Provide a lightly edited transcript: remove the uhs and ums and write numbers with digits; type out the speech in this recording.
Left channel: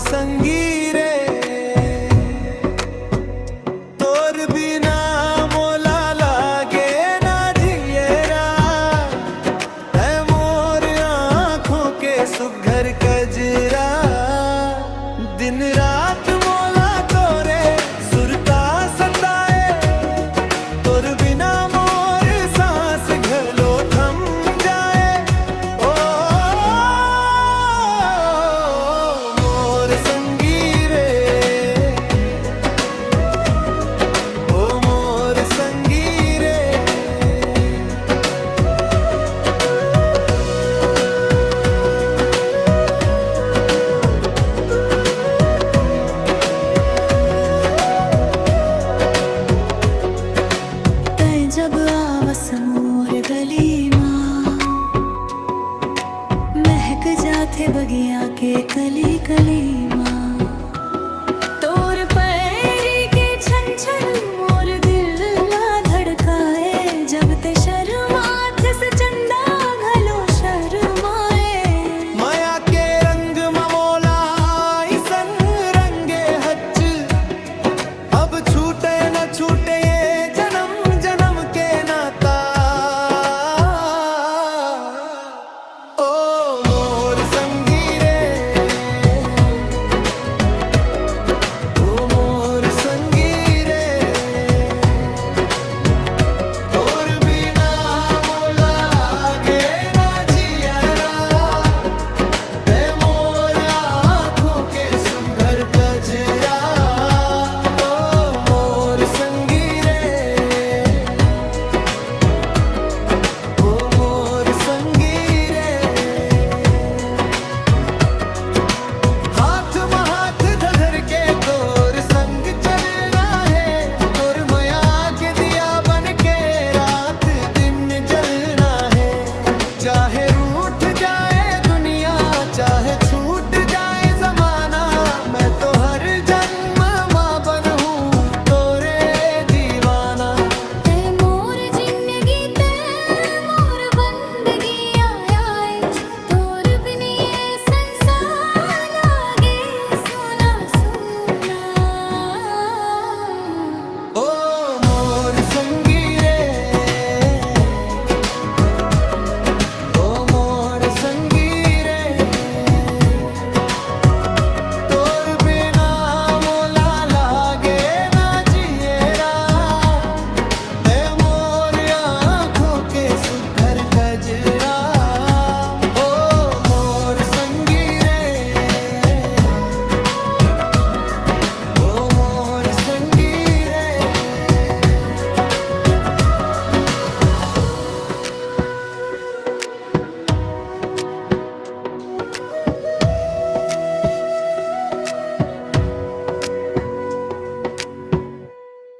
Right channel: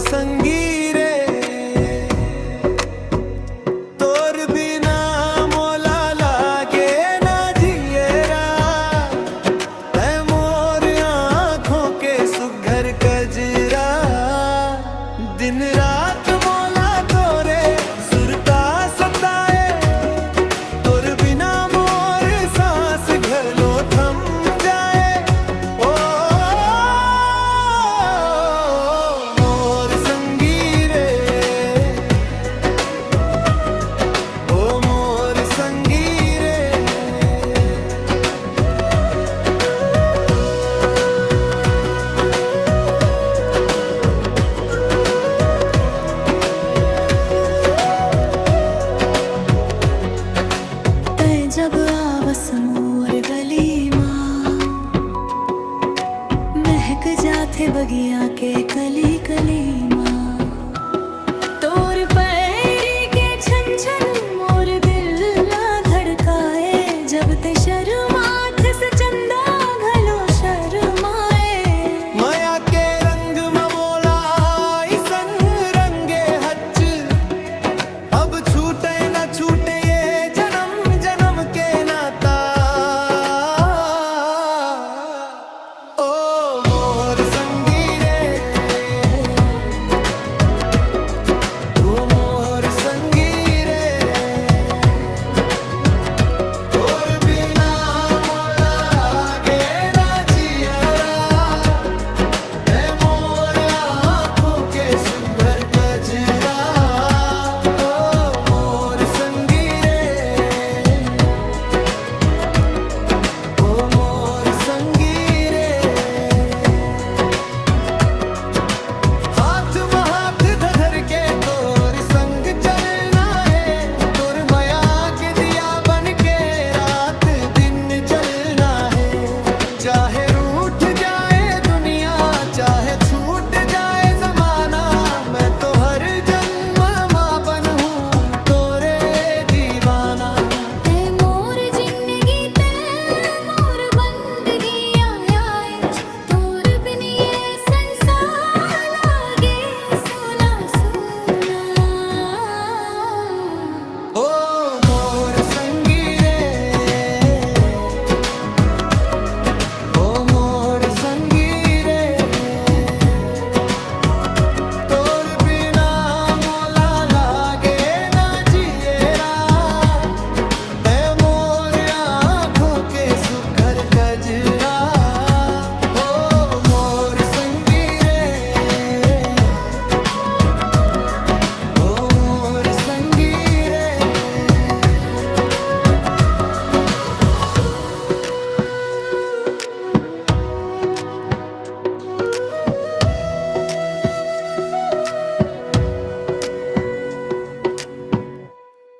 संगी रे तोर बिना मोला लागे ना जिएरा तै मोर आँखों के सुघर कजरा दिन रात मोला तोरे सुरता सताए तोर बिना मोर सांस घलो थम जाए ओ मोर संगी रे ओ मोर संगी रे जब आवस मोर गली माँ महक जाते बगिया के कली कली माँ तोर पैरी के छन छन मोर दिल ला धड़काए जब ते शर्मात से चंदा घलो शर्माए माया के रंग ममोला सन रंगे हच अब छूटे न छूटे ये जन्म जन्म के नाता ओ मोर संगी रे ओ मोर संगी रे तोर बिना मोला लागे ना जियरा ते मोर आँखों के सुघर कजरा ओ मोर संगी संगी रे हाथ में हाथ धर के तोर संग चलना है तोर माया के दिया बन के रात दिन जलना है चाहे रूठ जाए दुनिया चाहे छूट जाए जमाना मैं तो हर जन्म माँ बनूं तोरे दीवाना संगी रे तोर बिना मोला लागे ना जिएरा ते मोर आँखों के सुघर कजरा।